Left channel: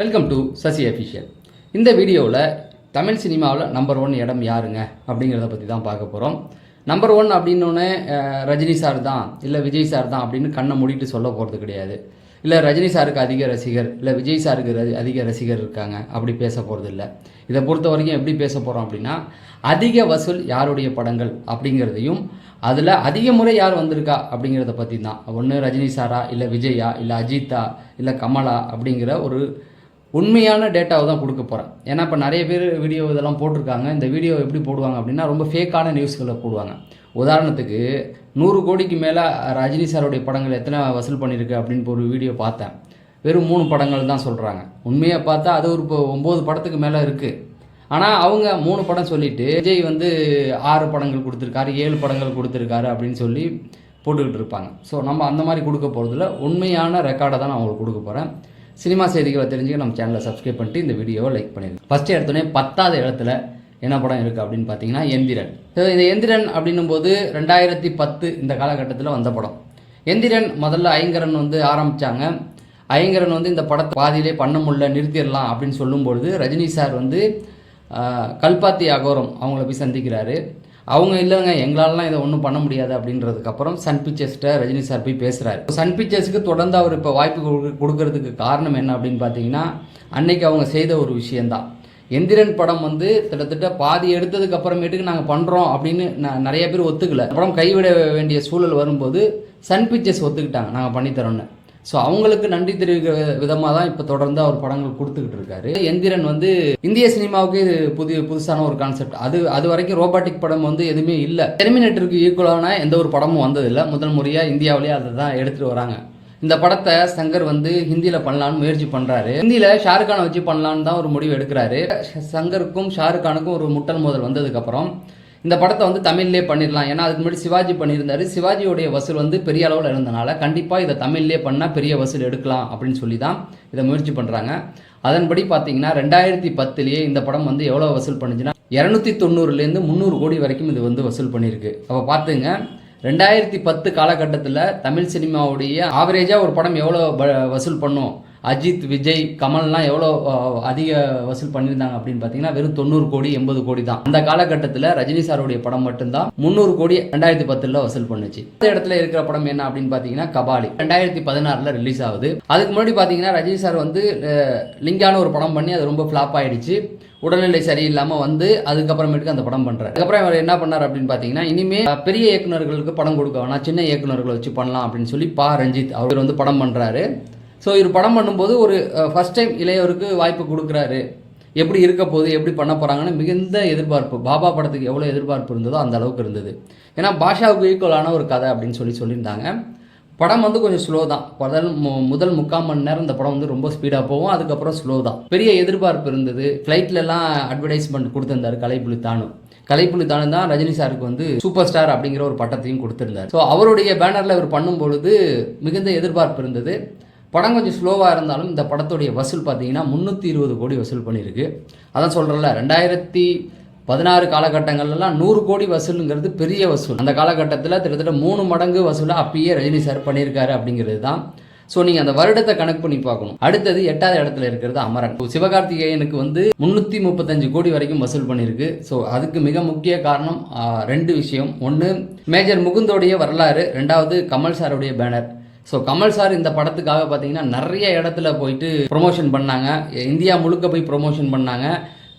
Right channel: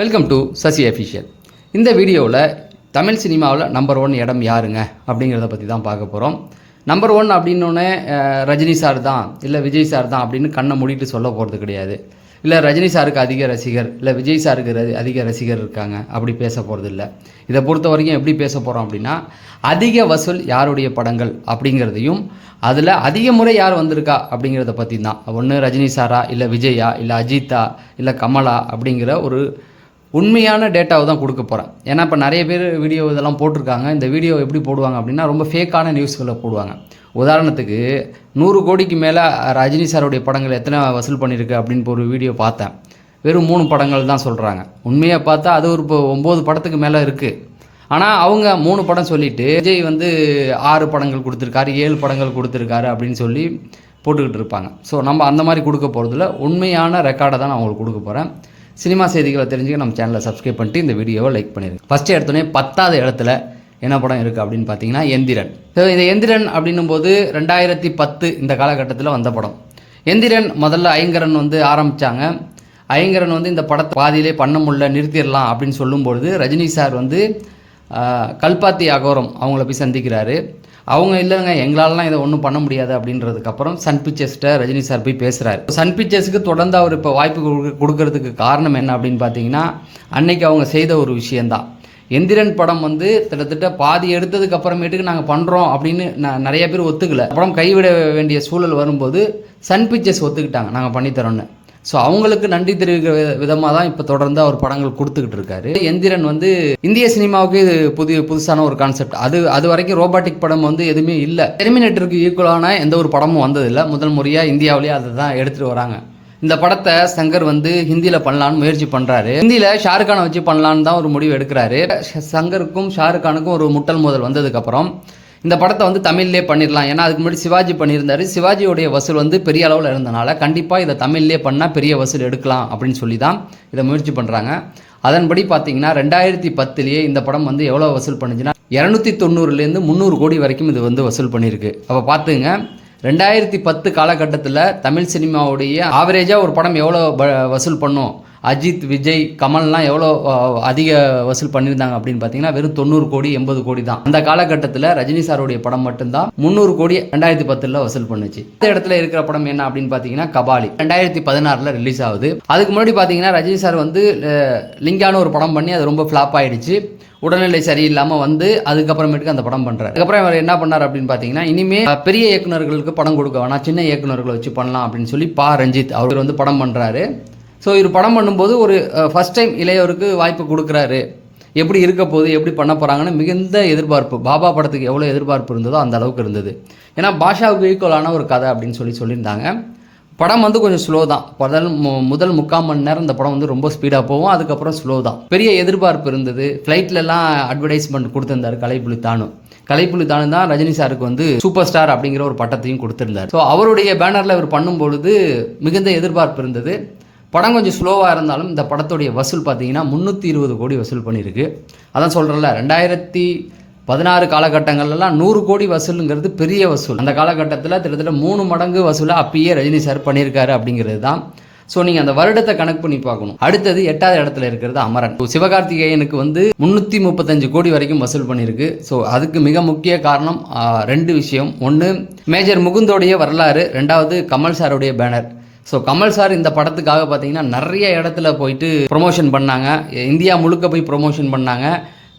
Welcome to Sasi official. இந்த வீடியோவில் தமிழ் சினிமாவில் நம்பர் 1 இடம் யாருங்க அப்படிங்கிறத பற்றி தான் பார்க்க போகிறோம். நம்பர் 1 அப்படின்னோடனே ரஜினி சார் தான் இல்லை விஜய் சார் தான் அப்படின்னு கண்ணை மூடிட்டு சொல்ல போகிறது கிடையாது. இல்லை ரஜினி சாருக்கு அதிக ரசிகர் இல்லை விஜய் சாருக்கு அதிக ரசிகர் இருக்காங்க அப்படி பேச போகிறது இல்லை. இதை பொறுத்த வரைக்கும் எப்படி பேச போகிறோம் அப்படின்னா, அதிக வசூல் யாருடைய படங்கள் அப்படிங்கிறதையும் அதில் அதிக முறை யார் வந்திருக்கா அப்படிங்கிறத பற்றி தான். ஒன்று ரஜினி சாரா இல்லை விஜயா இல்லை அஜித்தா இல்லை கமலா அப்படிங்கிற ஒரு உண்மையான டேட்டாவை தான் கொடுக்க போகிறேன். ஏன்னா இப்போ நிறைய பேர் வீடியோ இதெல்லாம் போட்டிருக்காங்க. இந்த வீடியோ எப்படி போடுவாங்க அப்படின்னா, ரொம்ப ஃபேக்கான நியூஸ்களை போடுவாங்க. உதாரணத்துக்கு 100 கோடிக்கு மேலே ரஜினி சாருடைய படங்கள் எத்தனை வசூல் பண்ணியிருக்கு அப்படின்னு ஒரு வீடியோ பார்த்தேன். வெறும் 3 படங்கள் தான் சொல்கிறாங்க. உண்மையாக பார்த்தா அது ஒரு 9 படத்துக்கு மேலே இருக்குது. ஆனால் அவங்க 3 படம் சொல்லிவிட்டு விஜய் 6 படங்கள் கொடுத்துருக்காரு 7 படங்கள் கொடுத்துருக்காரு அப்படின்னு சொல்லி போட்டுக்கிட்டு இருப்பாங்க. ஸோ நம்ம அந்த மாதிரி கொடுக்க போகிறதில்ல, உண்மையான ரெக்கார்டை தான் நான் உங்களுக்கு கொடுக்க போகிறேன். சினிமா செய்திகளை தெரிஞ்சுக்க நம்ம சேனலை சப்ஸ்கிரைப் பண்ணிட்டு இந்த வீடியோவை லைக் பண்ணிடுங்க. ஃபஸ்ட்டு எடுத்தோடனே 10வது இடத்துல என்ன படம் இருக்குது அப்படின்னு பார்த்தீங்கன்னா எந்திரன். ஸோ இந்த எந்திரன் அப்படின்னும் போது 2010 இந்த காலகட்டத்தில் வந்த படம். எந்திரன் முதல்ல ஐங்கரன் ஆரம்பித்தாங்க. ஐங்கரன் இந்த படத்தை பாதியிலே பண்ண முடியல நிறுத்திடலாம் அப்படின்னு சொல்லும்பொழுது ரஜினி சார் கல்பாத்தி அகோரம் அவங்கள போய் சந்திக்கிறாரு. அவங்க இல்லைங்க எங்களாலலாம் இதை ஒன்றும் பண்ண முடியாது அப்படின்றதுக்கப்புறம் சன் பிக்சர்ஸ்கிட்ட ரஜினி சார் போய் பேசுகிறாரு. சன் பிக்சர்ஸுக்கு தொடர்ந்து அவர் இப்போ வாய்ப்பு கொடுக்கறதுக்கு காரணம் என்ன அப்படின்னு பார்த்தீங்கன்னா, அன்னைக்கு அவங்க செய்த ஒரு விஷயந்தான். எந்திரன் படம் கிட்டத்தட்ட பாதி எடுத்ததுக்கு அப்புறமேட்டுக்கு நாங்கள் பண்ணுறோம் அப்படின்னு நிறைய பேர் ஒத்துக்கல. படம் கைவிட வேண்டிய சூழல் வரும்போது சன் பிக்சர்ஸ் ஒத்துக்கிட்டாங்க நாங்கள் பண்ணித்தரோன்னு. ஸோ அவங்களுக்கு நன்றி தெரிவிக்கிற விதமாக தான் இப்போ தொடர்ந்து அவர் படங்கள் கொடுத்துக்கிட்டு இருக்காரு. எந்திரன் இந்திய சினிமாவுக்கு இது புதுசான ஒரு கான்செப்ட். அது வரைக்கும் ரோபாட்டிக் படம் எதுவுமே இல்லை. டெர்மினேட்டருக்கு ஈக்குவலான எந்த ஒரு படமும் வந்ததில்லை. முதல் முறையாக இந்தியாவிலேயே அதை தான் எடுத்துகிட்டு வராங்க. இந்த படத்தை சங்கர் ஹிந்தியில் பண்ணலான்னு முயற்சி பண்ணுறாரு. ஹிந்தியில் ஷாருக்கானை வச்சு பண்ணலான்னு தான் ஒரு முடிவு எடுக்கிறாரு. சங்கருக்கும் ஷாருக்கானுக்கும் ஒரு முட்டல் மோதல் வந்ததுக்கப்புறம் இந்த படத்தை தமிழ்லேயே பண்ணிடலாம். ஏன்னா அதுக்கு முன்னாடி சிவாஜி பண்ணியிருந்தாரு. சிவாஜியோடைய வசூல் பெரிய அளவில் இருந்தனால கண்டிப்பாக இதை தமிழ்லேயே பண்ணால் பெரிய வசூல் எடுக்கலாம் அப்படின்னு சொல்லி தான் இதை முயற்சி பண்ணுறாங்க. அதன்படி பார்த்தீங்கன்னா 2010 இந்த படம் எவ்வளோ வசூல் பண்ணுச்சுன்னா 290லேருந்து 300 கோடி வரைக்கும் இது வசூல் பண்ணியிருக்கு. அப்போ பார்த்துங்க, 2010 காலகட்டத்தில் தமிழ் சினிமாவுடைய ஆவரேஜாக ஒரு படம் எவ்வளோ வசூல் பண்ணும், அஜித் விஜய் கமல்லாம் எவ்வளோ அதிக வசூல் பண்ணியிருந்தாங்க அப்படின்னு பார்த்தீங்கன்னா வெறும் 90 கோடி 80 கோடி தான். அந்த காலகட்டத்தில் ரஜினி சாருடைய படம் மட்டும்தான் 300 கோடி 2010 வசூல் பண்ணுச்சு. இந்த இடத்துல இருக்கிற படம் என்ன அப்படின்னு பார்த்தீங்கன்னா கபாலி 2016 ரிலீஸ் ஆகுது. அதுக்கு முன்னாடி பார்த்தீங்கன்னா ரஜினி சார் லிங்கான ஒரு படம் பண்ணி அது ரொம்ப ஃப்ளாப் ஆயிடுச்சு. உடல்நிலை சரியில்லாமல் அதுக்கப்புறமேட்டுக்கு அந்த படம் பண்ணுறாரு. அதுக்கப்புறம் அவர் என்ன பண்ணார் அப்படின்னு பார்த்தீங்கன்னா, இனிமேல் பெரிய இயக்குநர்களுக்கு படம் கொடுக்க வேணாம், சின்ன இயக்குநர்களை வச்சு பண்ணலாம் அப்படின்னு சொல்லி ரஞ்சித் அவர் படம் பண்ணுறாரு. ஸோ இவர் படம் பண்ணும்போது ஒரு ஃபஸ்ட் டைம் இளையவருக்கு வாய்ப்பு கொடுக்குறாரு. எப்படி இருக்க போகுது, எப்படி பண்ண போகிறாங்கன்னு மிகுந்த எதிர்பார்ப்பு. பாபா படத்துக்கு எவ்வளோ எதிர்பார்ப்பு இருந்ததோ அந்த அளவுக்கு இருந்தது. ஏன்னா பாஷாவுக்கு ஈக்குவலான ஒரு கதை அப்படின்னு சொல்லியிருந்தாங்க. படம் கொஞ்சம் ஸ்லோ தான். முதல் 3/4 மணி நேரம் இந்த படம் ரொம்ப ஸ்பீடாக போகும். அதுக்கப்புறம் ஸ்லோ தான். பெரிய எதிர்பார்ப்பு இருந்தது. ஃப்ளைட்லலாம் அட்வர்டைஸ்மெண்ட் கொடுத்துருந்தாரு கலைப்புலி தானு தான் ரஜினி சாருக்கு சூப்பர் ஸ்டார் அப்படிங்கிற ஒரு பட்டத்தையும் கொடுத்துருந்தார். ஸோ அவருடைய பேனரில் இவர் பண்ணும்பொழுது மிகுந்த எதிர்பார்ப்பு இருந்தது. படம் கொஞ்சம் ஸ்லோவாக இருந்தாலும் இந்த படத்துடைய வசூல் பார்த்தீங்கன்னா 320 கோடி வசூல் பண்ணியிருக்கு. அதான் சொல்கிறேன்ல, 2016 காலகட்டங்கள்லாம் 100 கோடி வசூலுங்கிறது பெரிய வசூல். அந்த காலகட்டத்தில் கிட்டத்தட்ட 3 மடங்கு வசூலாக அப்பயே ரஜினி சார் பண்ணியிருக்காரு அப்படிங்கிறது தான். ஸோ நீங்கள் அந்த வருடத்தை கணக்கு பண்ணி பார்க்கணும். அடுத்தது 8வது இடத்துல இருக்கிறது அமரன். சிவகார்த்திகேயனுக்கு 335 கோடி வரைக்கும் வசூல் பண்ணியிருக்கு. ஸோ அதுக்கு மிக முக்கிய காரணம் 2 விஷயம். ஒன்று மேஜர் முகுந்தோடைய வரலாறு, 2வது கமல் சாருடைய பேனர். ஸோ கமல் சார் இந்த படத்துக்காக பார்த்தீங்கன்னா நிறைய இடத்துல போயிட்டு ப்ரொமோஷன் பண்ணாங்க. இந்தியா முழுக்க போய் ப்ரொமோஷன் பண்ணாங்க.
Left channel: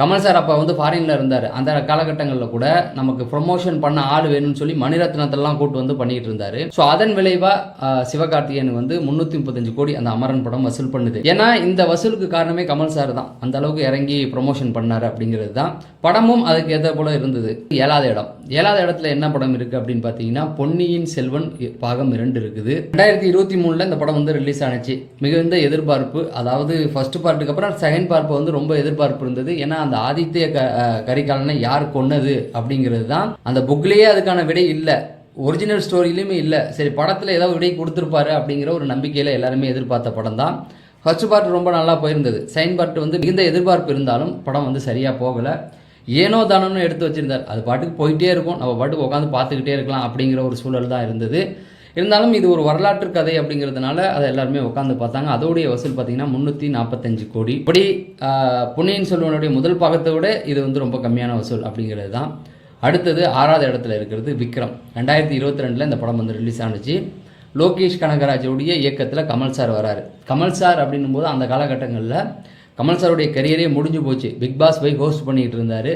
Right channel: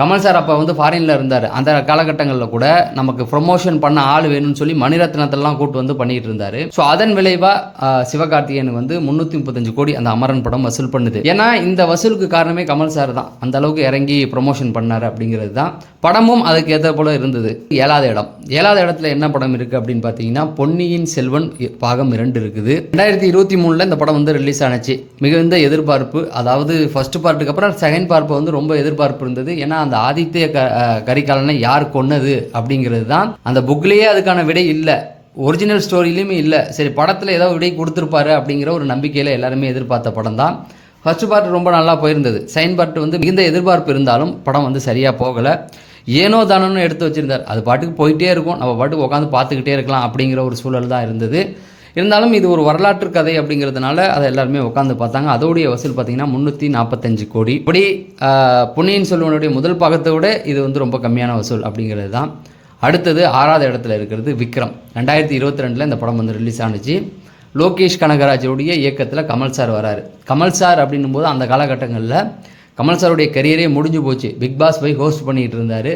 கமல் சார் அப்போ ஃபாரினில் இருந்தார். அந்த காலகட்டங்களில் கூட நமக்கு ப்ரொமோஷன் பண்ண ஆள் வேணும்னு சொல்லி மணிரத்னத்தெல்லாம் கூட்டு பண்ணிட்டு இருந்தார். ஸோ அதன் விளைவாக சிவகார்த்திகேயனுக்கு 335 கோடி அந்த அமரன் படம் வசூல் பண்ணுது. ஏன்னா இந்த வசூலுக்கு காரணமே கமல் சார் தான். அந்த அளவுக்கு இறங்கி ப்ரொமோஷன் பண்ணார் அப்படிங்கிறது தான். படமும் அதுக்கு ஏற்ற போல இருந்தது. 7வது இடத்துல என்ன படம் இருக்குது அப்படின்னு பார்த்தீங்கன்னா பொன்னியின் செல்வன் பாகம் 2 இருக்குது. 2023 இந்த படம் ரிலீஸ் ஆனிச்சு. மிகுந்த எதிர்பார்ப்பு. அதாவது ஃபர்ஸ்ட் பார்ட்டுக்கு அப்புறம் செகண்ட் பார்ட் ரொம்ப எதிர்பார்ப்பு இருந்தது. ஏன்னா அந்த ஆதித்ய கரிகாலனை யார் கொன்னது அப்படிங்கிறது தான் அந்த புக்லேயே அதுக்கான விடை இல்லை, ஒரிஜினல் ஸ்டோரியிலுமே இல்லை. சரி படத்தில் ஏதாவது விடை கொடுத்துருப்பாரு அப்படிங்கிற ஒரு நம்பிக்கையில் எல்லாருமே எதிர்பார்த்த படம் தான். ஃபர்ஸ்ட் பார்ட் ரொம்ப நல்லா போயிருந்தது. செகண்ட் பார்ட் மிகுந்த எதிர்பார்ப்பு இருந்தாலும் படம் சரியாக போகலை. ஏனோ தானோன்னு எடுத்து வச்சுருந்தார். அது பாட்டுக்கு போயிட்டே இருக்கும், நம்ம பாட்டுக்கு உட்காந்து பார்த்துக்கிட்டே இருக்கலாம் அப்படிங்கிற ஒரு சூழல் தான் இருந்தது. இருந்தாலும் இது ஒரு வரலாற்று கதை அப்படிங்கிறதுனால அதை எல்லாருமே உட்காந்து பார்த்தாங்க. அதோடைய வசூல் பார்த்தீங்கன்னா 345 கோடி. இப்படி பொன்னியின் செல்வனுடைய முதல் பாகத்தை விட இது வந்து ரொம்ப கம்மியான வசூல் அப்படிங்கிறது தான். அடுத்தது 6வது இடத்துல இருக்கிறது விக்ரம். 2022 இந்த படம் வந்து ரிலீஸ் ஆனிச்சு. லோகேஷ் கனகராஜுடைய இயக்கத்தில் கமல் சார் வராரு. கமல் சார் அப்படின்னும் போது அந்த காலகட்டங்களில் கமல் சாருடைய கரியரே முடிஞ்சு போச்சு. பிக் பாஸ் போய் ஹோஸ்ட் பண்ணிகிட்டு இருந்தார்.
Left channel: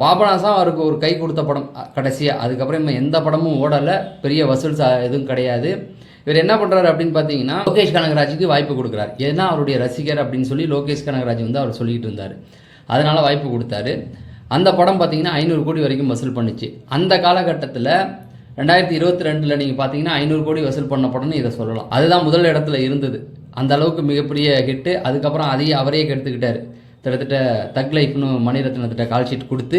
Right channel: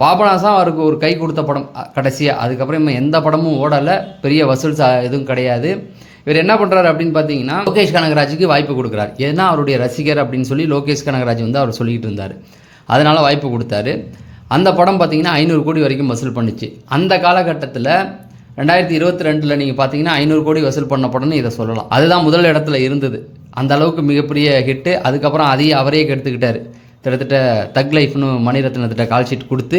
பாபநாசம் அவருக்கு ஒரு கை கொடுத்த படம் கடைசியாக. அதுக்கப்புறம் எந்த படமும் ஓடலை, பெரிய வசூல் எதுவும் கிடையாது. இவர் என்ன பண்ணுறாரு அப்படின்னு பார்த்தீங்கன்னா லோகேஷ் கனகராஜுக்கு வாய்ப்பு கொடுக்குறாரு. ஏன்னா அவருடைய ரசிகர் அப்படின்னு சொல்லி லோகேஷ் கனகராஜ் வந்து அவர் சொல்லிக்கிட்டு இருந்தார். அதனால் வாய்ப்பு கொடுத்தாரு. அந்த படம் பார்த்தீங்கன்னா 500 கோடி வரைக்கும் வசூல் பண்ணிச்சு. அந்த காலகட்டத்தில் 2022 நீங்கள் பார்த்தீங்கன்னா 500 கோடி வசூல் பண்ண படம்னு இதை சொல்லலாம். அதுதான் முதல் இடத்துல இருந்தது. அந்த அளவுக்கு மிகப்பெரிய ஹிட்டு. அதுக்கப்புறம் அதையே அவரே கெடுத்துக்கிட்டார். கிட்டத்தட்ட தக் லைஃப்னு மணிரத்னத்திட்ட கால் ஷீட் கொடுத்து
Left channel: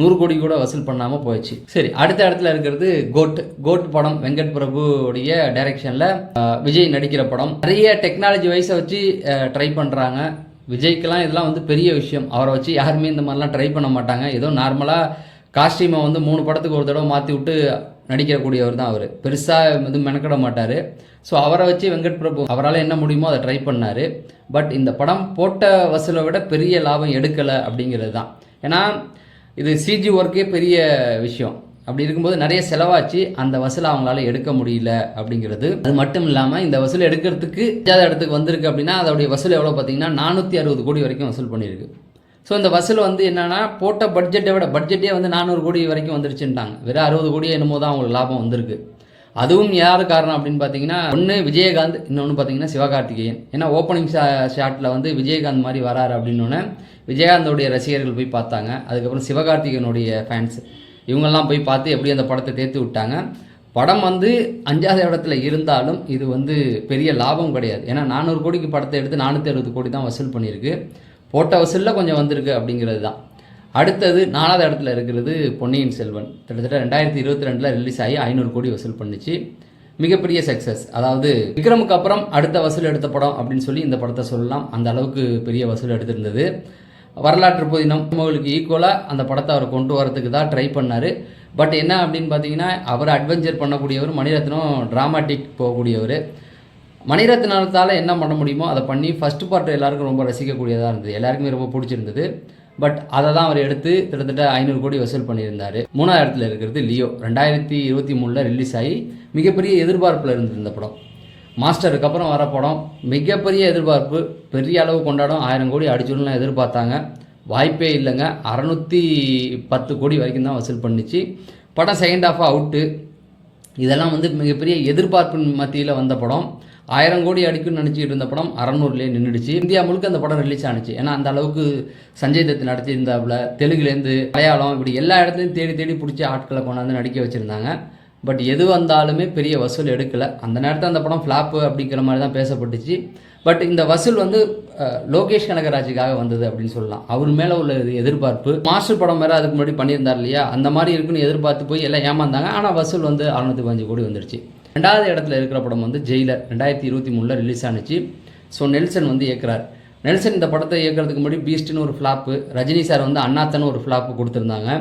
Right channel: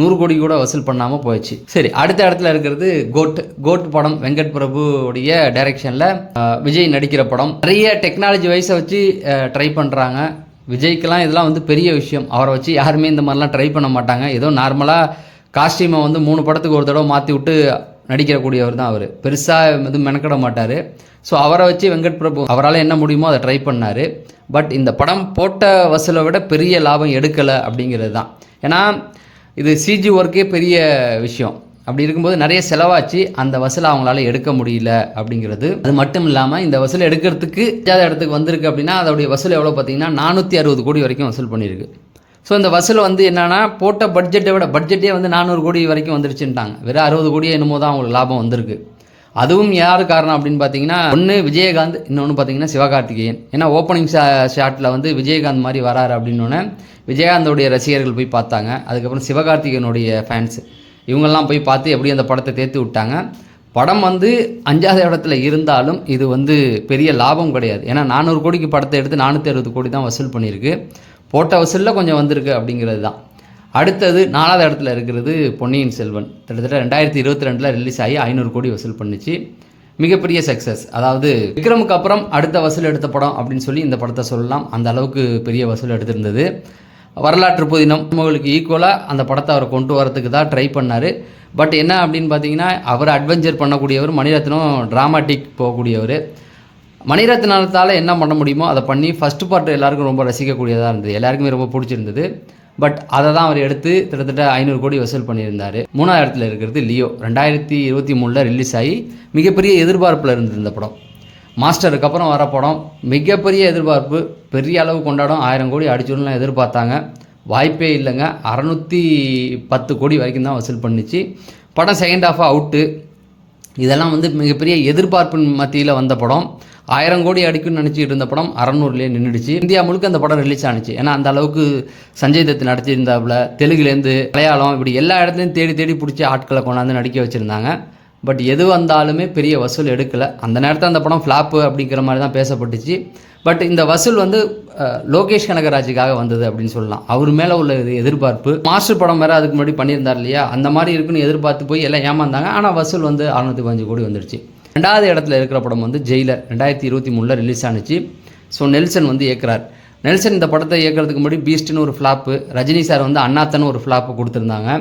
100 கோடி கூட வசூல் பண்ணாமல் போயிடுச்சு. சரி, அடுத்த இடத்துல இருக்கிறது கோட் படம். வெங்கட் பிரபுடைய டைரக்ஷனில் விஜய் நடிக்கிற படம். நிறைய டெக்னாலஜி வைஸை வச்சு ட்ரை பண்ணுறாங்க. விஜய்க்கெல்லாம் இதெல்லாம் வந்து பெரிய விஷயம். அவரை வச்சு யாருமே இந்த மாதிரிலாம் ட்ரை பண்ண மாட்டாங்க. ஏதோ நார்மலாக காஸ்டியூமை வந்து 3 படத்துக்கு ஒரு தடவை மாற்றி விட்டு நடிக்கிறக்கூடியவர் தான் அவர். பெருசாக எதுவும் மெனக்கிட மாட்டார். ஸோ அவரை வச்சு வெங்கட் பிரபு அவரால் என்ன முடியுமோ அதை ட்ரை பண்ணார். பட் இந்த படம் போட்ட வசூலை விட பெரிய லாபம் எடுக்கலை அப்படிங்கிறது தான். ஏன்னா இது சிஜி ஒர்க்கே பெரிய விஷயம். அப்படி இருக்கும்போது நிறைய செலவாச்சு. அந்த வசூலை அவங்களால எடுக்க முடியல அப்படிங்கிறது. அது மட்டும் இல்லாமல் இந்த வசூலை எடுக்கிறதுக்கு இடத்துக்கு வந்திருக்கு அப்படின்னா அதோடைய வசூல் எவ்வளோ பார்த்தீங்கன்னா 460 கோடி வரைக்கும் வசூல் பண்ணியிருக்கு. ஸோ இந்த வசூல் வந்து என்னென்னா போட்ட பட்ஜெட்டை விட பட்ஜெட்டே வந்து 400 கோடி வரைக்கும் வந்துருச்சுட்டாங்க. வெறும் 60 கோடி என்னமோ தான் அவங்களுக்கு லாபம் வந்திருக்கு. அதுவும் யார் காரணம் அப்படின்னு பார்த்தீங்கன்னா ஒன்று விஜயகாந்த், இன்னொன்று பார்த்தீங்கன்னா சிவகார்த்திகேயன். ஏன்னா ஓப்பனிங் ஷாட்டில் வந்து விஜயகாந்த் மாதிரி வராரு அப்படின்னோடனே விஜயகாந்தோடைய ரசிகர்கள் போய் பார்த்தாங்க. அதுக்கப்புறம் சிவகார்த்திகேயனுடைய ஃபேன்ஸ் இவங்கெல்லாம் போய் பார்த்து எப்படி அந்த படத்தை தேர்த்து விட்டாங்க. படம் வந்து 5வது இடத்துல இருந்தாலும் இது வந்து பெரிய லாபம் கிடையாது. ஏன்னா 400 கோடிக்கு படத்தை எடுத்து 460 கோடி தான் வசூல் பண்ணியிருக்கு. போட்ட வசூலில் கொஞ்சம் வந்திருக்கு அப்படிங்கிறது தான். அடுத்தது 4வது இடத்துல இருக்கிறது பொன்னியின் செல்வன். கிட்டத்தட்ட 2022 ரிலீஸ் ஆகி 500 கோடி வசூல் பண்ணிச்சு. மிகப்பெரிய சக்ஸஸ். அதாவது விக்ரமுக்கு அப்புறம் அடுத்த வசூல் எடுத்த படம் அப்படின்னு சொல்லி இந்த படத்தை சொல்லலாம். அந்த அளவுக்கு பெரிய வசூல் எடுத்திருந்தது. வரலாற்று புதினம் உங்களுக்கு ஈக்குவலாக அந்த படத்தை அவர் கொண்டு வரதுக்கு தான் ட்ரை பண்ணார். பட் என்ன அப்படின்னு பார்த்தீங்கன்னா அவர் அட்வென்ச்சர் பண்ணக்கூடியவர், மணிரத்னம் ட்ராமாட்டிக் போகக்கூடியவர். மணிரத்னத்தால் என்ன பண்ண முடியுமோ அதை பண்ணி ஃபஸ்ட்டு பார்ட் எல்லாருக்கும் ரொம்ப ரசிக்கக்கூடியதாக இருந்தது. எல்லாருக்குமே ரொம்ப பிடிச்சிருந்தது. பட் அதை தான் அவர் எடுத்து கிட்டத்தட்ட 500 கோடி வசூல் பண்ணியிருந்தார். 3வது இடத்துல இருக்கிறது லியோ. 2023 ரிலீஸ் ஆகி மிகப்பெரிய எதிர்பார்ப்பில் இருந்தது இந்த படம். மாஸ்டருக்கு அப்புறம் வர படம் மிகப்பெரிய எதிர்பார்ப்பு, பெரிய அளவு கொண்டாடும். 1000 கோடி அடிச்சுடலாம் எதிர்பார்த்தாங்க. வாய்ப்பே இல்லைங்க. 610 கோடி வரைக்கும் தான் வசூல் பண்ணிச்சு. படம் செகண்ட் ஹாஃபாக அவுட்டு. இதெல்லாம் வந்து மிகப்பெரிய எதிர்பார்ப்பின் மத்தியில் வந்த படம். 1000 கோடி அடிக்குன்னு நினச்சிக்கிட்டு இருந்த படம் 600லேயே நின்றுடுச்சு. இந்தியா முழுக்க அந்த படம் ரிலீஸ் ஆனிச்சு. ஏன்னா அந்த அளவுக்கு சஞ்சய் தத் நடிச்சிருந்தாப்புல. தெலுங்குலேருந்து மலையாளம் இப்படி எல்லா இடத்துலையும் தேடி தேடி பிடிச்சி ஆட்களை கொண்டாந்து நடிக்க வச்சுருந்தாங்க. பட் எது வந்தாலுமே பெரிய வசூல் எடுக்கலை. அந்த நேரத்தில் அந்த படம் ஃப்ளாப்பு அப்படிங்கிற மாதிரி தான் பேசப்பட்டுச்சு. பட் இந்த வசூல் வந்து லோகேஷ் கனகராஜுக்காக வந்தது அப்படின்னு சொல்லலாம். அவர் மேலே உள்ள எதிர்பார்ப்பு. மாஸ்டர் படம் வேறு அதுக்கு முன்னாடி பண்ணியிருந்தார் இல்லையா, அந்த மாதிரி இருக்குன்னு எதிர்பார்த்து போய் எல்லாம் ஏமாந்தாங்க. ஆனால் வசூல் வந்து 615 கோடி வந்துடுச்சு. 2வது இடத்துல இருக்கிற படம் வந்து ஜெயிலர். 2023 ரிலீஸ் ஆனிச்சு. ஸோ நெல்சன் வந்து இயக்குறார். நெல்சன் இந்த படத்தை இயக்கிறதுக்கு முன்னாடி பீஸ்ட்னு ஒரு ஃப்ளாப்பு, ரஜினி சார் வந்து அண்ணாத்தன்னு ஒரு ஃப்ளாப்பு கொடுத்துருந்தாங்க.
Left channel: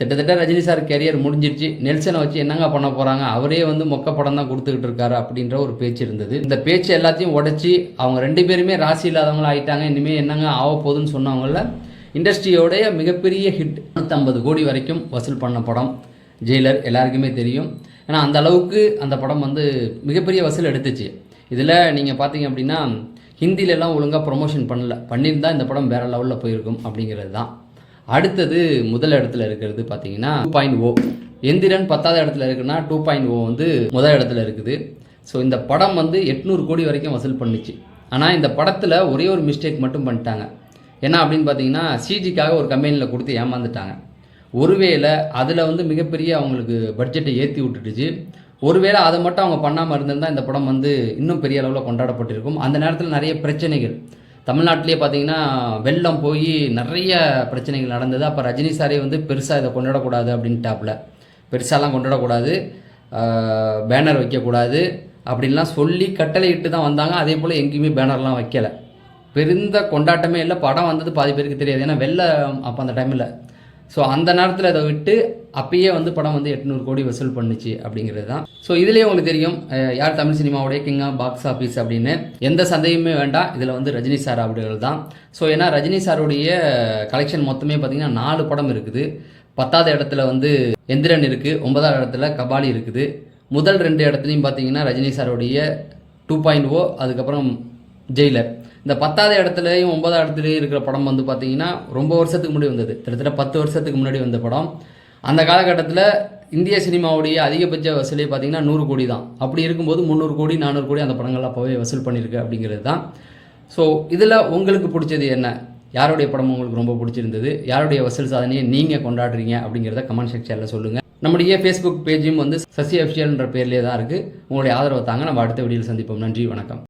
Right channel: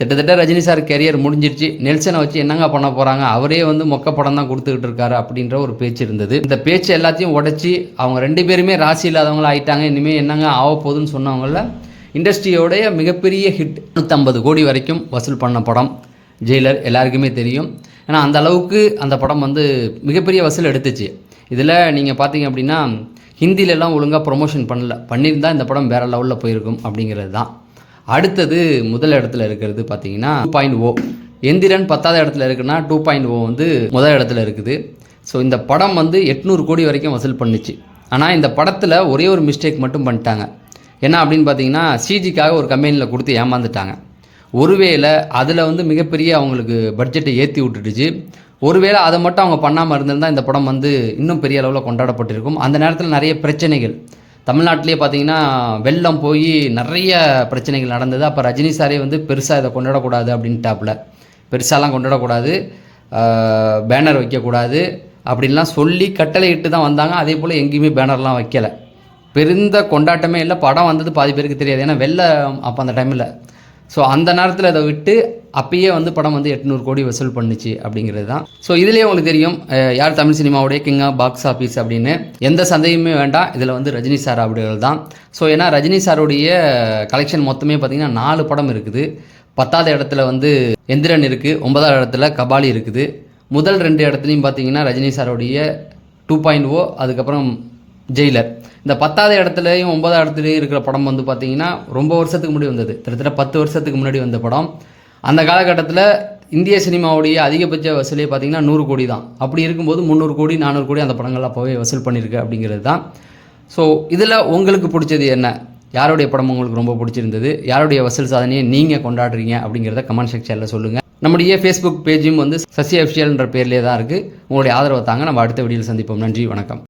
கிட்டத்தட்ட ரஜினி சார் கெரியர் முடிஞ்சிருச்சு. நெல்சனை வச்சு என்னங்க பண்ண போகிறாங்க, அவரே வந்து மொக்க படம் தான் கொடுத்துக்கிட்டு இருக்காரு அப்படின்ற ஒரு பேச்சு இருந்தது. இந்த பேச்சு எல்லாத்தையும் உடச்சி அவங்க 2 பேருமே ராசி இல்லாதவங்களா ஆயிட்டாங்க. இனிமேல் என்னங்க ஆக போகுதுன்னு சொன்னவங்கள இண்டஸ்ட்ரியோடைய மிகப்பெரிய ஹிட். 150 கோடி வரைக்கும் வசூல் பண்ண படம் ஜெயிலர். எல்லாருக்குமே தெரியும். ஏன்னா அந்த அளவுக்கு அந்த படம் வந்து மிகப்பெரிய வசூல் எடுத்துச்சு. இதில் நீங்கள் பார்த்தீங்க அப்படின்னா ஹிந்திலெலாம் ஒழுங்காக ப்ரொமோஷன் பண்ணியிருந்தால் இந்த படம் வேறு லெவலில் போயிருக்கும் அப்படிங்கிறது தான். அடுத்தது முதல் இடத்துல இருக்கிறது பார்த்தீங்கன்னா 2.0. எந்திரன் 10வது இடத்துல இருக்குன்னா 2.0 வந்து முதல் இடத்துல இருக்குது. ஸோ இந்த படம் வந்து 800 கோடி வரைக்கும் வசூல் பண்ணிச்சு. ஆனால் இந்த படத்தில் ஒரே ஒரு மிஸ்டேக் மட்டும் பண்ணிட்டாங்க. என்ன அப்படின்னு பார்த்தீங்கன்னா சிஜிக்காக ஒரு கம்பெனியில் கொடுத்து ஏமாந்துட்டாங்க. ஒருவேளை அதில் வந்து மிகப்பெரிய அவங்களுக்கு பட்ஜெட்டை ஏற்றி விட்டுடுச்சு. ஒருவேளை அதை மட்டும் அவங்க பண்ணாமல் இருந்திருந்தால் இந்த படம் வந்து இன்னும் பெரிய அளவில் கொண்டாடப்பட்டிருக்கும். அந்த நேரத்தில் நிறைய பிரச்சனைகள் தமிழ்நாட்டிலே பார்த்தீங்கன்னா வெள்ளம் போய் நிறைய பிரச்சனைகள் நடந்தது. அப்போ ரஜினி சாரே வந்து பெருசாக இதை கொண்டாடக்கூடாது அப்படின்ட்டாப்புல. பெருசாலாம் கொண்டாடக்கூடாது, பேனர் வைக்கக்கூடாது அப்படின்லாம் சொல்லி கட்டளை இட்டு தான் வந்தாங்க. அதே போல் எங்கேயுமே பேனர்லாம் வைக்கலை. பெருந்த கொண்டாட்டமே இல்லை. படம் வந்தது பாதி பேருக்கு தெரியாது. ஏன்னா வெள்ளம் அப்போ அந்த டைமில் ஸோ அந்த நேரத்தில் அதை விட்டு அப்பயே வந்து படம் வந்து 800 கோடி வசூல் பண்ணுச்சு அப்படிங்கிறது தான். ஸோ இதுலேயே உங்களுக்கு தெரியும் யார் தமிழ் சினிமாவுடைய கிங் ஆஃப் பாக்ஸ் ஆஃபீஸ் அப்படின்னு. எந்த சந்தேகமே வேண்டாம், இதில் வந்து ரஜினி சார் அவர்கள் தான். ஸோ ஏன்னா ரஜினி சாருடைய கலெக்ஷன் மொத்தமே பார்த்திங்கன்னா 4 படம் இருக்குது. 10வது இடத்துல வந்து எந்திரன் இருக்குது, 9வது இடத்துல கபாலி இருக்குது. முதல் 2 இடத்துலையும் பார்த்தீங்கன்னா ரஜினி சாருடைய 2.0, அதுக்கப்புறம் ஜெயிலர். இந்த 10வது இடத்துலையும் 9வது இடத்துலையும் இருக்கிற படம் வந்து பார்த்திங்கன்னா ரொம்ப வருஷத்துக்கு முன்னாடி வந்தது, கிட்டத்தட்ட 10 வருஷத்துக்கு முன்னாடி வந்த படம். அந்த காலகட்டத்தில் இந்திய சினிமாவுடைய அதிகபட்ச வசூலே பார்த்திங்கன்னா 100 கோடி தான். அப்படி இருக்கும்போது 300 கோடி 400 கோடி அந்த படங்கள் அப்போவே வசூல் பண்ணியிருக்கு அப்படிங்கிறது தான். ஸோ இதில் உங்களுக்கு பிடிச்சது என்ன? யாருடைய படம் உங்களுக்கு ரொம்ப பிடிச்சிருந்தது? யாருடைய வசூல் சாதனையை நீங்கள் கொண்டாடுறீங்க அப்படிங்கிறத கமெண்ட் செக்ஷனில் சொல்லுங்கள். நம்முடைய ஃபேஸ்புக் பேஜும் வந்து சசி அஃபிஷியல்ன்ற பேர்லேயே தான் இருக்குது. உங்களுடைய ஆதரவை தாங்க. நம்ம அடுத்த வீடியோவில் சந்திப்போம். நன்றி, வணக்கம்.